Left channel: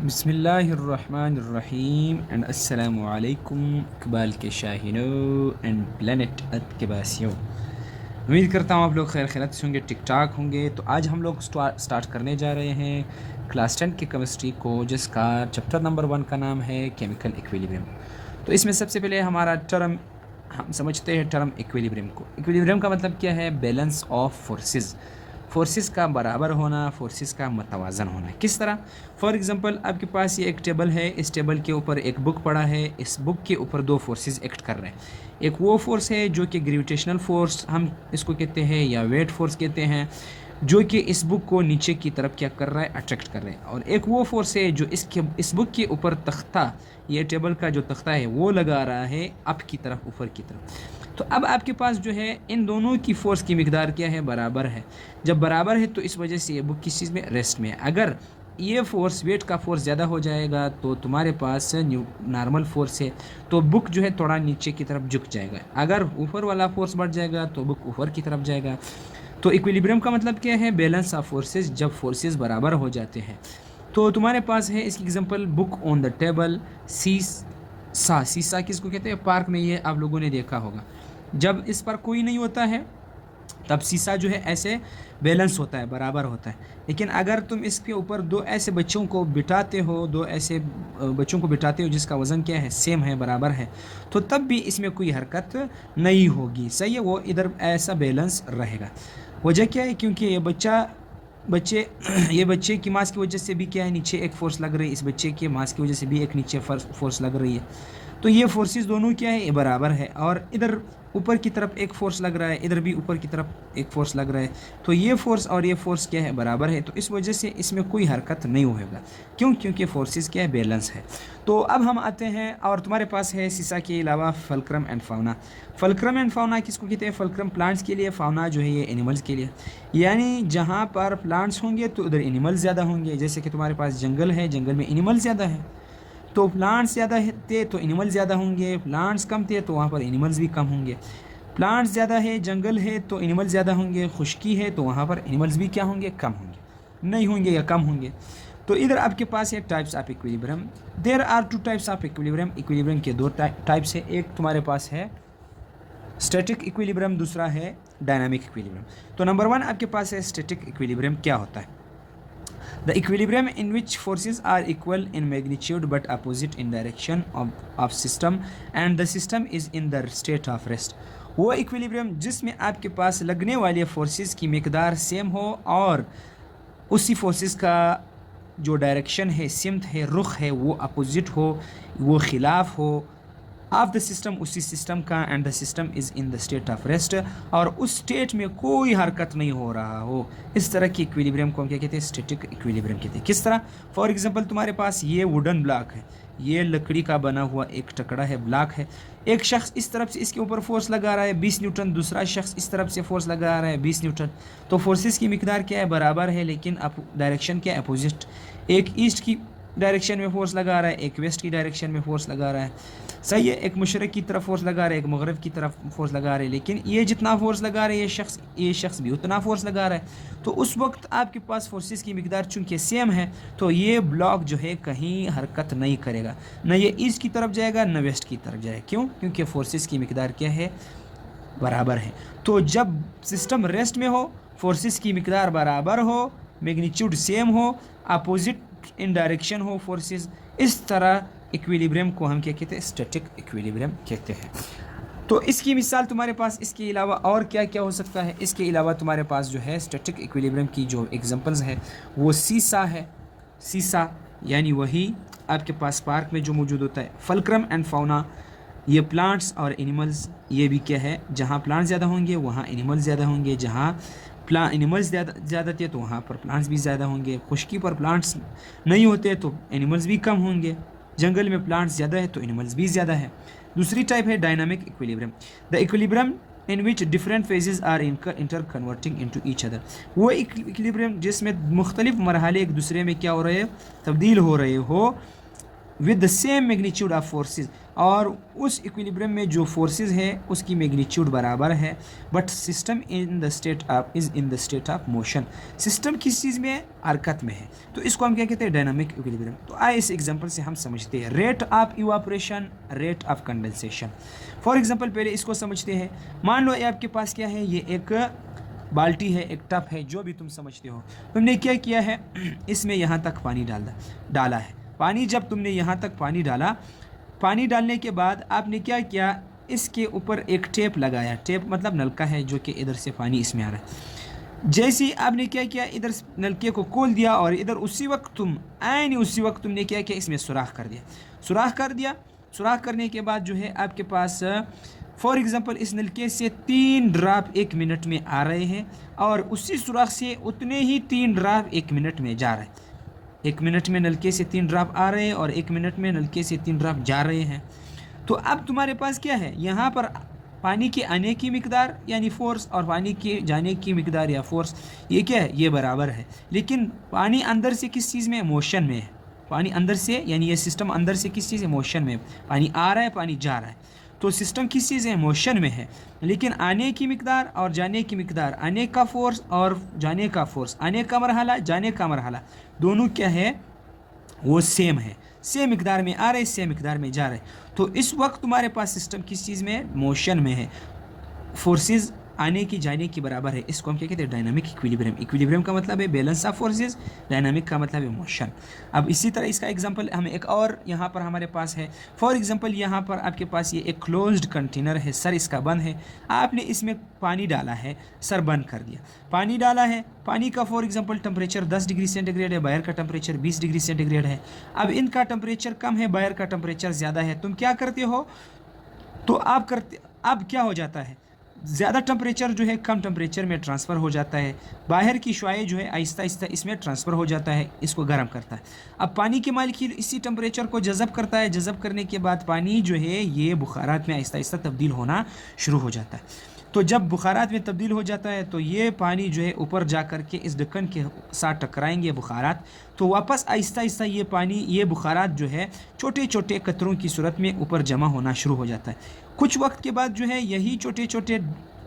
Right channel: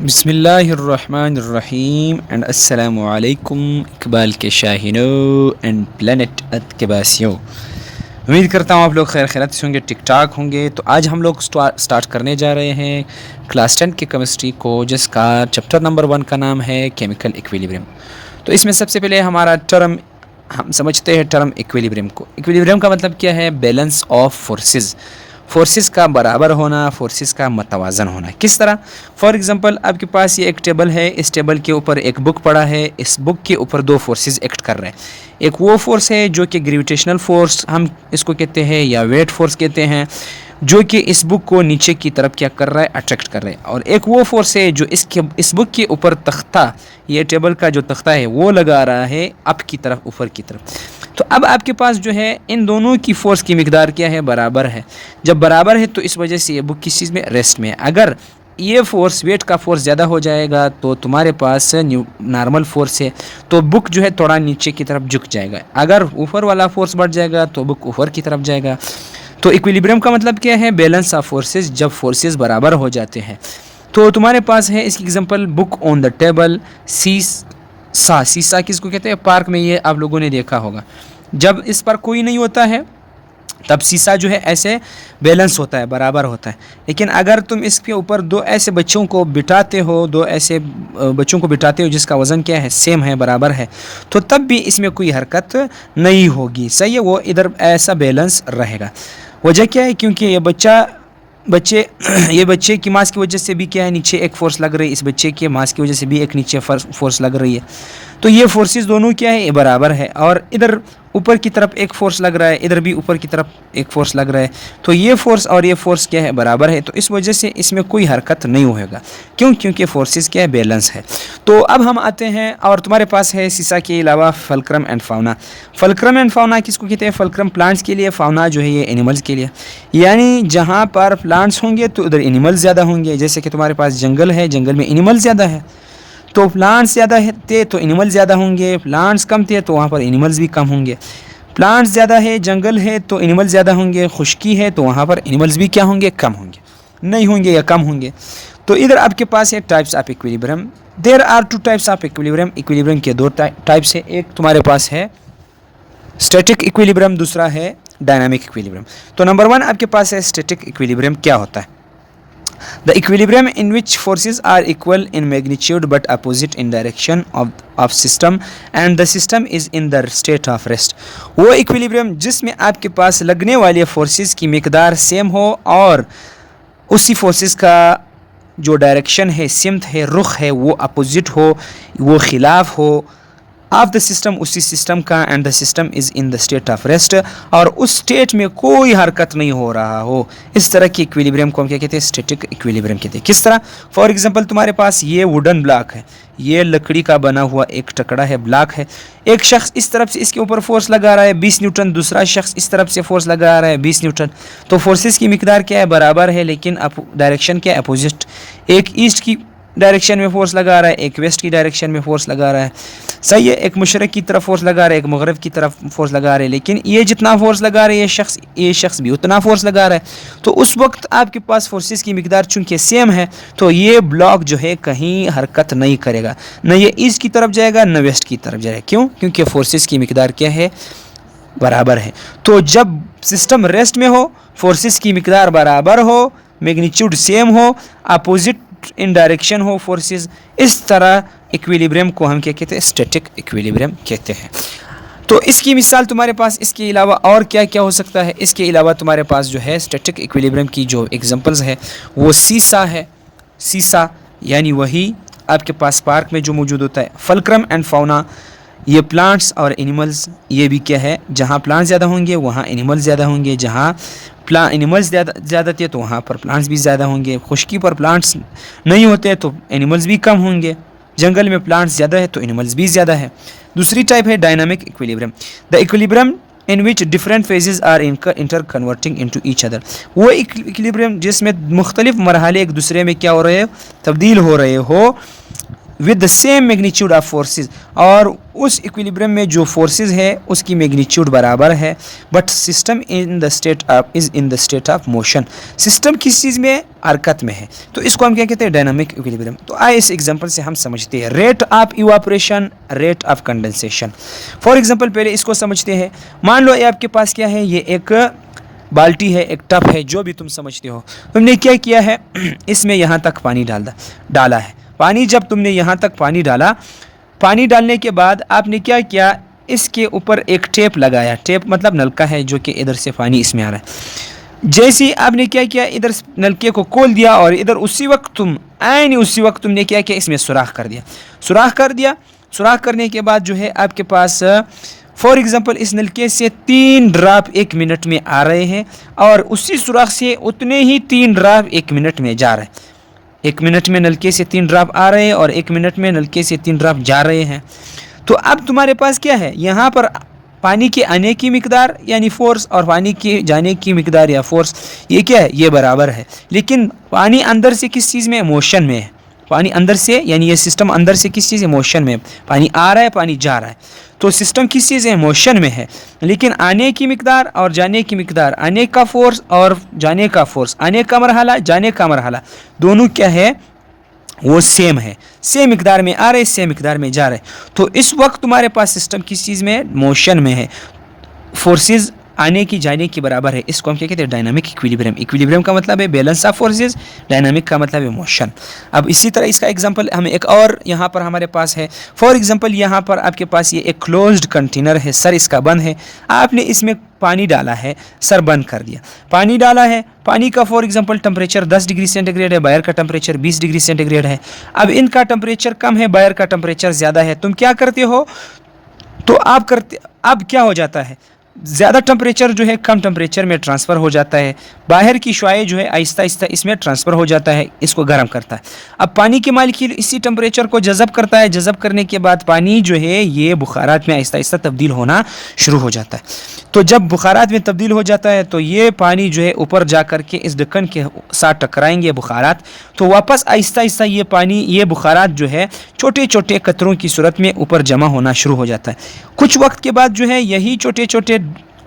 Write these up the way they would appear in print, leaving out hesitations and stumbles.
बिस्मिल्लाहिर्रहमानिर्रहीम एंड अस्सलामु अलैकुम इकबाल के शाहीनों एंड प्लेनेट अर्थ के बासियों। उम्मीद करता हूँ आप लोग खैर खैरियत से होंगे, टिक टाक होंगे। तो आज हम लोग स्टार्ट करने जा रहे हैं क्लास 10 की केमिस्ट्री को, जिसका चैप्टर नंबर 1 का नाम है केमिकल इक्विलिब्रियम। तो इसमें सबसे पहले हमारा टर्म हम समझते हैं टर्म इक्विलिब्रियम को। इक्विलिब्रियम का मतलब क्या है? बैलेंस ऑफ फोर्सेस, फोर्सेस का बराबर होना, फोर्सेस का मतवाजन होना। किस तरह? फॉर एग्जांपल आपके पास ये एक टेबल है, इस टेबल के ऊपर एक बुक पड़ा है, इस बुक के ऊपर दो फोर्सेस एक्ट कर रहे हैं। एक वो फोर्स है जो कि ग्रेविटेशनल फोर्स हम इसको कहते हैं या वेट फोर्स कहते हैं, जो कि इस बुक को नीचे की तरफ क्या कर रहा है? अट्रैक्ट कर रहा है। और एक वो फोर्स है जो इस बुक के ऊपर तख्ता, ये टेबल का जो तख्ता है वो लगा रहा है अप की तरफ, ऊपर की तरफ। तो अब आपके पास जो है इन दोनों की फोर्स की मिकदार क्या है? बराबर है। जब बराबर है तो इस वजह से ये बुक किस चीज़ में? रेस्ट में। अगर ये फोर्स वेट का फोर्स ज़्यादा हो जाएगा तो तुम्हारे पास नॉर्मल फोर्स है तो बुक जो है थोड़ा नीचे की तरफ झुक जाएगा। अगर ऊपर वाला फोर्स बढ़ जाएगा तो बुक ऊपर की तरफ जाएगा। तो इक्विलिब्रियम का मतलब क्या है? बैलेंस ऑफ फोर्सेस, जब फोर्सेस बराबर हो जाते हैं। तो तुम्हारे पास है इसकी example, book on the table, सीसा किसको कहते हैं? पार्क में ये आप लोगों ने देखा होगा। जब इस पर कोई नहीं होता है तब शीशा जो है ऐसे बैलेंस होता है, बराबर होता है। लेकिन अगर तुम इसके ऊपर दो ऐसे बच्चों को बिठाते हो, दो ऐसे बच्चों को बिठाते हो जिसका वज़न क्या है? सेम है, बराबर है, तो तब भी इसमें कोई हरकत नहीं होगी। सही है, वो इधर ऐसा बैलेंस रहेगा। वजह क्या है? क्योंकि ये बच्चे की मास की वजह से भी क्या है? नीचे एक फोर्स लग रही है, इस बच्चे के मास की वजह से भी एक नीचे फोर्स लग रही है। तो ये फोर्सेस दोनों क्या है? ये बराबर है। और इधर ऊपर की तरफ एक फोर्स लग रहा है, इधर भी ऊपर की तरफ एक फोर्स लग रहा है। तो ये फोर्स और ये फोर्स क्या है? बराबर है। तो इस वजह से इसमें कोई हरकत नहीं होगा। क्यों? क्योंकि फोर्सेस क्या है? बैलेंस है। तो अब हम आते हैं, और तुम्हारे पास है सीसा के अलावा fulcrum and fauna. Fulcrum and fauna किसको कहते हैं? फल्क्रम प्लांट्स के लिए, फाउना जो है ये एनिमल्स के लिए। यानी जहाँ पर प्लांट्स होंगे तो उधर एनिमल्स ज़्यादा होंगे। जैसे कि तुम्हारे पास जंगल है, जंगल में एनिमल्स ज़्यादा है तो प्लांट्स ज़्यादा थे तो एनिमल्स ज़्यादा होंगे। प्लांट्स कम थे तो वहाँ पर एनिमल्स भी कम होंगे। प्लांट्स ज़्यादा है, जंगल है तो एनिमल्स ज़्यादा होंगे। खुश्की है तो वहाँ पर एनिमल्स भी क्या होंगे? कम होंगे, नहीं होंगे या कम होंगे। तो इधर आपके पास है types of equilibrium. There are 2 types of equilibrium. Equilibrium के 2 टाइप्स है। एक तुम्हारे पास है स्टैटिक इक्विलिब्रियम, दूसरा है डायनामिक इक्विलिब्रियम। तो नंबर 1 आपके पास है स्टैटिक इक्विलिब्रियम। क्या होता है? The equilibrium in which forces are equal in magnitude but opposite in direction of system and the system is in the state of rest। वो equilibrium जिसमें आपके पास लगने वाले forces की मिकदार सेम हो और उसी forces का जो डायरेक्शन है, सिमत है, रुख है, वो अपोजिट हो, वो खिलाफ हो ऑफ द सिस्टम, उसी सिस्टम का। And the system is in the state of rest, और उस स्टेट में कोई हरकत नहीं हो रहा हो। इस तरह की इक्विलिब्रियम को हम क्या कहते हैं? स्टैटिक इक्विलिब्रियम कहते हैं। किस तरह? फॉर एग्जांपल तुम्हारे पास ये वुडन ब्लॉक है, ये लकड़ी का बना हुआ एक टुकड़ा है, ब्लॉक है। एक शख्स इस तरफ से इसके ऊपर फोर्स लगा रहा है 20 न्यूटन, दूसरा शख्स इस तरफ से फोर्स लगा रहा है 20 न्यूटन। तो फोर्सेस की मिकदार क्या है? बराबर है, लेकिन डायरेक्शन क्या है? अपोजिट। एक ईस्ट की डायरेक्शन में फोर्स लगा रहा है, एक वेस्ट की डायरेक्शन में फोर्स लगा रहा है। सही है, एक मशरक़ की तरफ फोर्स लगा रहा है, एक मगरब की तरफ फोर्स लगा रहा है। लेकिन ये जितना फोर्स लगा रहा है ये शख्स भी उतना फोर्स लगा रहा है। तो उस वक्त आपके पास फोर्सेस की मिकदार चूंकि सेम है तो ये ब्लॉक जो है कहीं हरकत नहीं करेगा, न ये ईस्ट की तरफ जाएगा न वेस्ट की तरफ जाएगा। क्यों? क्योंकि फोर्सेस की मिकदार क्या है? बराबर है। तो जब सिस्टम रेस्ट में हो, फोर्सेस की मिकदार बराबर हो, मैग्नीट्यूड सेम हो, अपोजिट इन डायरेक्शन हो फोर्सेस, इस तरह इक्विलिब्रियम को हम क्या कहते हैं? स्टैटिक इक्विलिब्रियम कहते हैं। तो इसकी मिसाल तुम्हारे पास इसके अलावा और क्या क्या हो सकता है? इसके अलावा तुम्हारे पास जो है स्टैटिक इक्विलिब्रियम की जो एग्जांपल्स है वो सीसा है। सीसा यानी वही आपके पास पार्क में जो मौजूद होता है। फल्क्रम एंड फाउना, ये प्लांट्स और एनिमल्स, ये भी क्या है? जहाँ प्लांट्स ज़्यादा होंगे वहाँ एनिमल्स ज़्यादा होंगे, जहाँ एनिमल्स ज़्यादा थे तो वहाँ पर प्लांट्स भी ज़्यादा होंगे। खुश्की पर प्लांट्स नहीं होते तो एनिमल्स भी कम होंगे। जंगल में प्लांट्स ज़्यादा है तो एनिमल्स भी ज़्यादा है। दूसरी टाइप है dynamic equilibrium. The equilibrium in which different phases are inter converting into each other. वो इक्विलिब्रियम जिसमें मुख्तलिफ मरहले एक दूसरे में क्या हो रहे हैं? तब्दील हो रहे हो। With the same magnitude of forces, और उस इक्विलिब्रियम में जो फोर्सेस है उसकी मैग्नीट्यूड बराबर है, but system in the state of is in the state of motion, system किस चीज़ में, हरकत में है, तो इसको हम क्या कहते हैं, डायनामिक इक्विलिब्रियम। तो आइए इस एग्जांपल से हम समझते हैं rate of evaporation, rate of condensation. For example पहले इसको समझते हैं। मान लो ये आपके पास क्या है, ये एक बाल्टी है, एक टब है, जो भी तुम समझते हो। तुमने क्या किया है, इसमें यहाँ तक पानी डाला है। पानी जब तुमने यहाँ तक पानी डाला, पानी डालने के बाद आपने क्या किया, इसके ऊपर एक टेप लगाया। टेप मतलब नलका है जो कि इधर से पानी इसमें आ रहा है। जैसे ही आपने क्या किया, इधर नलके को खोल दिया और इधर उसी वक्त तुमने क्या किया, इसमें सुराख कर दिया। सुराख करने के बाद जो है आपके पास फॉर एग्जांपल इस नलके से 3 ड्रॉप 1 मिनट में आ रहे हैं और उसी सुराख से उतने ही 3 ड्रॉप 1 मिनट में जा रहे हैं। 1 मिनट में नलके से 3 ड्रॉप आ रहे हैं और 1 मिनट में नलके से 3 ड्रॉप जा रहे हैं। तो अब तुम्हारे पास क्या है, यहाँ पर पानी के आने की मिकदार यानी फोर्स और पानी के जाने की मिकदार या फोर्स, ये क्या है, ये बराबर है। लेकिन पानी अंदर से किस चीज़ में, मोशन में है। पानी अंदर से यानी ये सिस्टम अंदर से किस चीज़ है, मोशन में। पानी आ रहा है, पानी जा रहा है, तो सिस्टम किस चीज़ है, मोशन में है। लेकिन आने की मिकदार और जाने की मिकदार, आने का फोर्स और जाने का फोर्स, आने का मरहला जाने का मरहला, दोनों क्या है, वो सेम है। सेम मिकदार में आ रहे, सेम मिकदार में जा रहे। तो इस वक्त तुम्हारे पास सिस्टम किस चीज़ में है, मोशन में है। फोर्सेस आने की जाने की बराबर है। इसको हम क्या कहते हैं, डायनामिक इक्विलिब्रियम। इक्विलिब्रियम का मतलब है बैलेंस ऑफ फोर्सेस, डायनामिक का मतलब है मोशन। अब इसी तरह इसका एग्जांपल हमें एक और यहाँ पर हमारे पास है। फॉर एग्जांपल यहाँ पर आपके पास ये एक क्लोज्ड कंटेनर है, सर इसका बंद है। आपने इसमें पानी डाला है, सर बंद कर दिया। पानी डाला है, पानी का for example temperature 10 degree centigrade है, बाहर का टेम्परेचर 20 डिग्री सेंटीग्रेड है। अब इनका टेम्परेचर कम है, बाहर का टेम्परेचर ज़्यादा है। तुम क्या करते हो, तो अब क्या हो जाता है, ज़्यादा टेम्परेचर जो है कम टेम्परेचर में ट्रांसफ़र हो जाता है। बाहर की शुआएं जो है आहिस्ता आहिस्ता इसमें ट्रांसफ़र हो जाता है, इसको गर्म करता है। अब पानी के मालिक्यूल इसी टेम्परेचर को जज़ब करता है। जज़ब करने के बाद पानी जो है ये बुखारात में आहिस्ता आहिस्ता तब्दील होना शुरू हो जाता है। तो जब बुखारात में तब्दील हो जाता है तो ये पानी जो है ऊपर जा कर के इस ढक्कन के साथ टकराएंगे बुखारात, तो वापस आहिस्ता आहिस्ता ये पानी, ये बुखारात जो है छोटे छोटे कतरों की सूरत में ऊपर जमा होना शुरू हो जाता है। कुछ वक्त के बाद जो है यही छोटे छोटे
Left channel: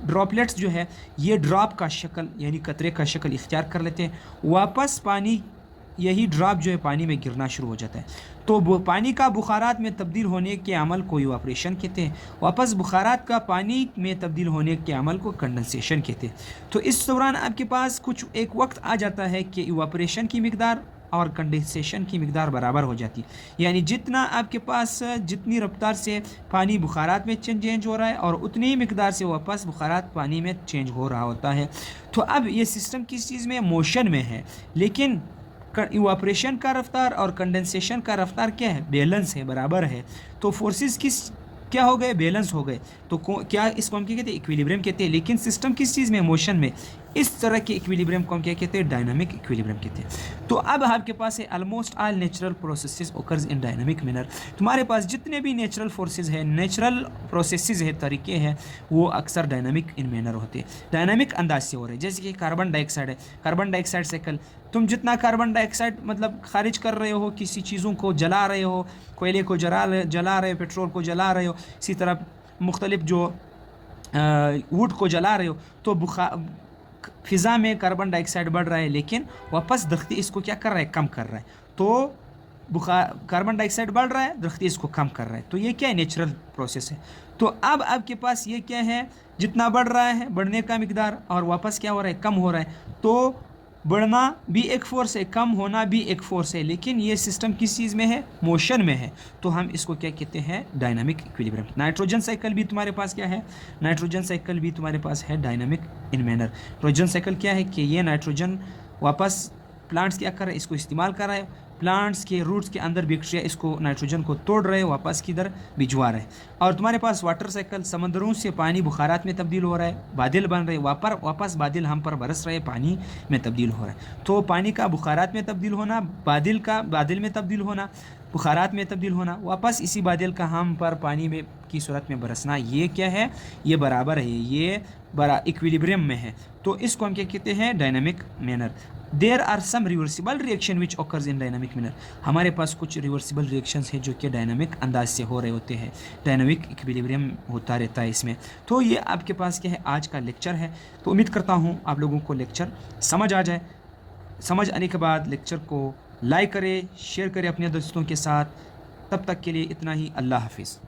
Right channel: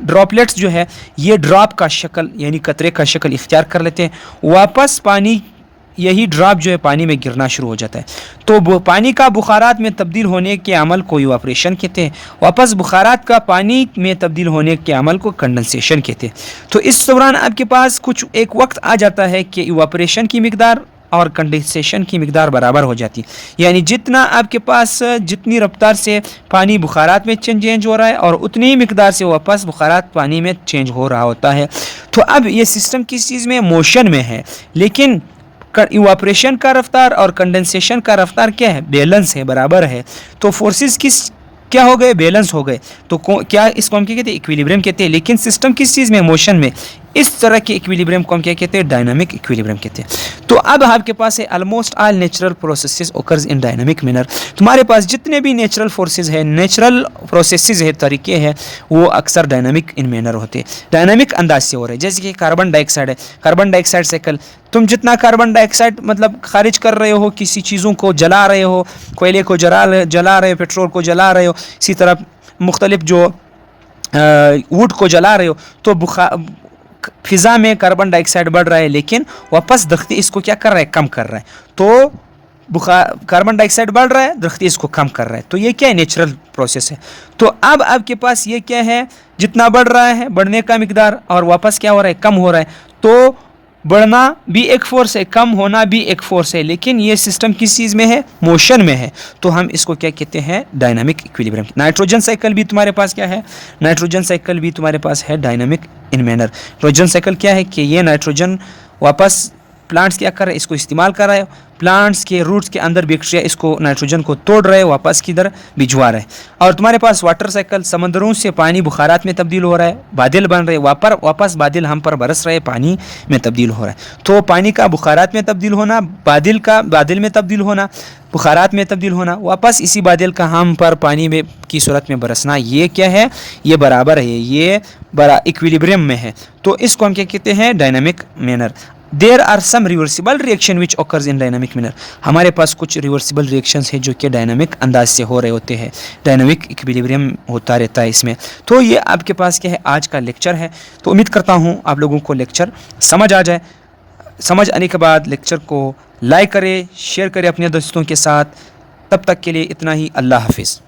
ड्रॉपलेट्स जो है ये ड्रॉप का शक्ल यानी कतरे का शक्ल इख्तियार कर लेते हैं। वापस पानी, यही ड्रॉप जो है पानी में गिरना शुरू हो जाता है। तो पानी का बुखारात में तब्दील होने के अमल को इवापोरेशन कहते हैं। वापस बुखारात का पानी में तब्दील होने के अमल को कंडेंसेशन कहते हैं। तो इस दौरान आपके पास कुछ एक वक्त आ जाता है कि इवापोरेशन की मिकदार और कंडेंसेशन की मिकदार बराबर हो जाती है। यानी जितना आपके पास, जितनी रफ्तार से पानी बुखारात में चेंज हो रहा है और उतनी ही मिकदार से वापस बुखारात पानी में चेंज हो रहा होता है। तो अब ये सिस्टम किस चीज़ में, मोशन में है। लेकिन इवापोरेशन का रफ्तार और कंडेंसेशन का रफ्तार क्या है, बैलेंस है, बराबर है। तो फोर्सेस क्या हो गए, बैलेंस हो गए। तो क्या इसको हम क्या कहते हैं, इक्विलिब्रियम कहते हैं। लेकिन सिस्टम किस चीज़ में, मोशन में। इस तरह के इक्विलिब्रियम को हम क्या कहते हैं, डायनामिक इक्विलिब्रियम कहते हैं। तो अब आपके पास है almost all natural processes occurs इन डायनामिक मैनर। तुम्हारे पास जितने भी नेचुरल फोर्सेस है, नेचुरल प्रोसेसेस है, तरीके हैं, वो अक्सर डायनामिक इन मैनर होते हैं, डायनामिक अंदाज से हो रहे हैं। जैसे कि कार्बन डाइऑक्साइड है, कार्बन डाइऑक्साइड साइकिल। तुम जितना कार्बन डाइऑक्साइड मतलब खारिज कर रहे हो, किसी चीज़ों को जला रहे हो, कोयले को जला रहे हो, पेट्रोल को जला रहे हो, इसी तरह मुख्तलिफ जो वुड को जला रहे हो, तो फिज़ा में कार्बन डाइऑक्साइड बढ़ रहा है, लेकिन वापस दख्ती इसको क्या कर रहा है, कम कर रहा है। तो कार्बन डाइऑक्साइड बढ़ रहा है, दख्ती इसको कम कर रहा है। तो ये क्या है, नेचुरल प्रोसेस है। तो अब आपके पास ये क्या है, जितना बढ़ रहा है, बढ़ने का मिकदार, और वापस क्या हो रहा है, कम हो रहा है। तो बढ़ना भी एक फोर्स है, कम होना भी एक फोर्स है, लेकिन ये सिस्टम किस चीज़ में है, मोशन में है। तो हम इसको क्या कहते हैं, डायनामिक इक्विलिब्रियम। नाइट्रोजन साइकिल भी तुम्हारे पास क्या है, नाइट्रोजन साइकिल भी तुम्हारे पास है डायनामिक इन मैनर। नाइट्रोजन साइकिल क्या है कि ये नाइट्रोजन वापस प्लांट्स क्या कर रहे हैं, इसको इस्तेमाल कर रहे हैं। प्लांट्स के रूट्स के अंदर बैक्टीरिया इसको नाइट्रोजन को तोड़ रहे हैं, वापस किधर भिजवा रहे हैं। और तुम्हारे पास वाटर साइकिल, समंदरों से पानी बुखारात में तब्दील हो रहा है, बादल बन रहे हैं, वापस बादल हम पर बरस रहे, पानी में तब्दील हो रहा है। तो पानी का बुखारात में तब्दील होना, बादल में तब्दील होना, बुखारात में तब्दील होना, वापस इसी बादल का हम पर पानी में की सूरत में बरसना, ये क्या है, ये बराबर है, ये इक्विलिब्रियम में है। तो इसको हम क्या कहते हैं, dynamic manner. There are some reversible reaction which occurs in dynamic manner. हमारे पास कुछ रिवर्सिबल रिएक्शंस हैं जो कि डायनामिक अंदाज से हो रहे होते हैं, डायनामिक इक्विलिब्रियम होता रहता है इसमें। तो ये आपके पास क्या है, आज का लेक्चर है। तो उम्मीद करता हूँ आप लोगों को लेक्चर समझ आ जाए। समझ आने के बाद लेक्चर को लाइक करें, शेयर करें अपने दोस्तों के साथ। तब तक के लिए इतना ही, अल्लाह हाफिज़।